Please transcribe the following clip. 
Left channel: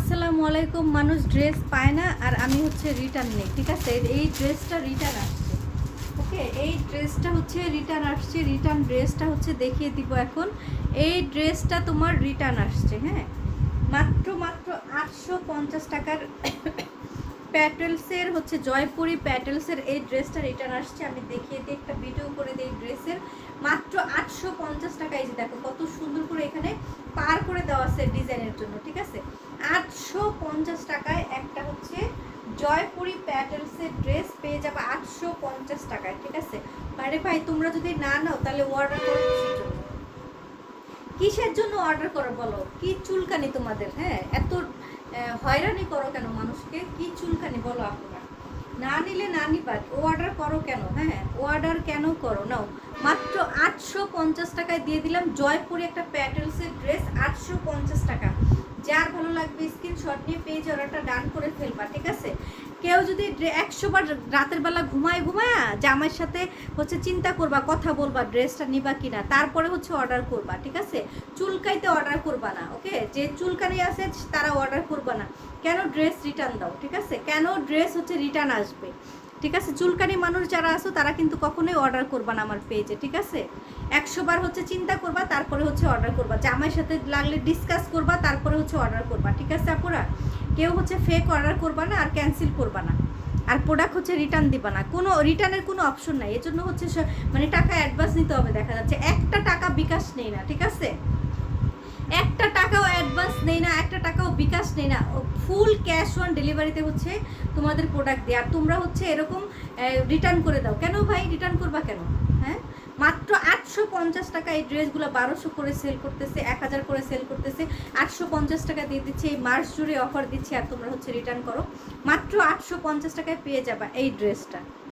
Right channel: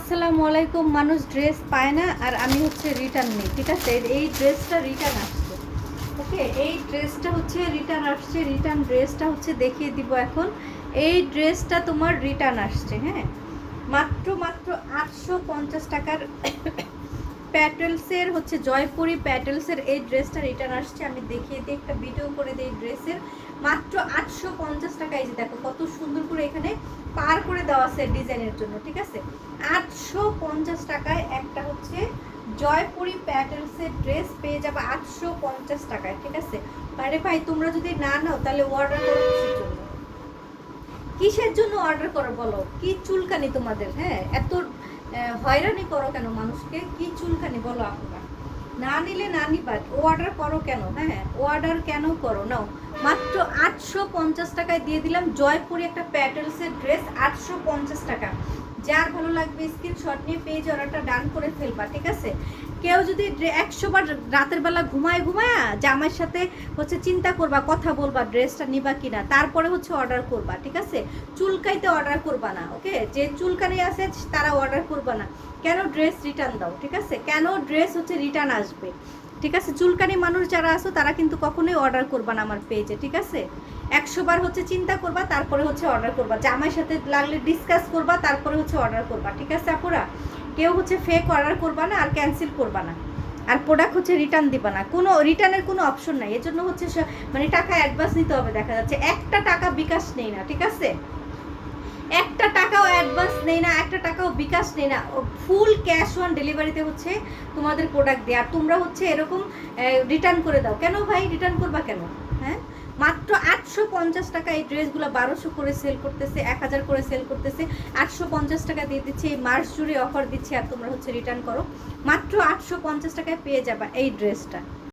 আসসালামু আলাইকুম। মানুষ ড্রেস পায় না আর আমি হচ্ছে রিটার্ন নিই, ঠিক আছে। এই ড্রেসটা রিটার্ন আসছে, ওকে। এই ড্রেসটা হচ্ছে রিটার্ন আসছে, রিটার্ন ড্রেসটা হচ্ছে দেখিয়ে দিব এখন। এই ড্রেসটা তোমার রিটার্ন আসছে, হ্যাঁ, মাত্র মাত্র 850 টাকার প্যাটেলসের হচ্ছে জয়পুরি প্যাটেলসের এই ড্রেসটা রিটার্ন আসছে। আমি দেখিয়ে দিই, একটা ভিডিও করে দিই ড্রেসের। মাত্র 850 টাকা। এই যে দেখো কত সুন্দর করে এখানে পার করে দেওয়া আছে ডিজাইনের জন্য, ঠিক আছে। 850 টাকায় একটা হচ্ছে জয়পুরি প্যাটেলসের ড্রেস পেয়ে যাবে 850 টাকায়, ঠিক আছে। আরে ভাই, তোমরা যদি না নাও তাহলে অর্ডার করো কিসের জন্য? কিসের জন্য অর্ডার করো বলো? কি চুলকানি তোমাদের? হ্যাঁ, এত হয়রানি করো কেন মানুষকে? কি চুলকানি বলো আপনারা? না নিলে না নিবা, অর্ডার করো কেন? হ্যাঁ, অর্ডার কেন করো? নাও, মাত্র 850 টাকায় দিয়ে দিলাম জয়পুরি একটা প্যাটেলসের ড্রেস, 850 টাকা। যার ভালো লাগবে স্ক্রিনশট নিয়ে পেজ অর্ডারটা ডান করে ফেলবা, ঠিক আছে। কেউ যদি 100 বার রাতের বেলা ঘুমায় জামাইয়ের সাথে হচ্ছে চিন্তা করবা, কথা বলবা ড্রেসটা নিবা কিনা, তারপরে হচ্ছে অর্ডার করবা, ঠিক আছে। চুলকাইতে অর্ডার করবা না, ওকে। যে চুলকানি আছে তারা অর্ডার করবা না। কেন ড্রেস রিটার্ন দাও, ঠিক আছে। কেন ড্রেস হচ্ছে রিটার্ন আসবে, ঠিক আছে। চুলকানি মানুষ যারা আছো তারা কিন্তু কখনোই অর্ডার করবা না আমার পেজে, ঠিক আছে। 100 বার হচ্ছে চিন্তা করবা, তারপরে হচ্ছে অর্ডার করবা। জামাইয়ের সাথে লাগলে ডিসকাস করবা, তারপরে হচ্ছে অর্ডার করবা, ঠিক আছে আপুরা। কেউ হচ্ছে ফেক অর্ডার করবা না আর ক্যান্সেল করবা না, আর প্রোডাক্ট হচ্ছে রিটার্ন দিবা না। কোনো রিটার্নের কোনো অপশন নাই, এর জন্য হচ্ছে মানে টাকা অ্যাডভান্স নিতে হবে। দেখা যাচ্ছে একটা টাকা বিকাশ নেই না, ঠিক আছে। একটা টাকাও অ্যাডভান্স নেই না, একটা টাকাও বিকাশ নেই না, ফুল ক্যাশ অন ডেলিভারিতে হচ্ছে তোমাদের প্রোডাক্ট দেয়। আর তোমরা হচ্ছে এরকম রিটার্ন করে দাও কেন ভাই? রিটার্ন করবা কেন? হ্যাঁ, মাত্র 850 টাকা এই ড্রেসগুলো 1200 করে সেল করতেছে, 1000 করে সেল করতেছে, 850 টাকা দিয়ে দিচ্ছে। এই মাস জুড়ে অফার দিচ্ছে আর তোমরা হচ্ছে রিটার্ন করো। মাত্র 850 টাকায় পেয়ে যাবা এই ড্রেসটা।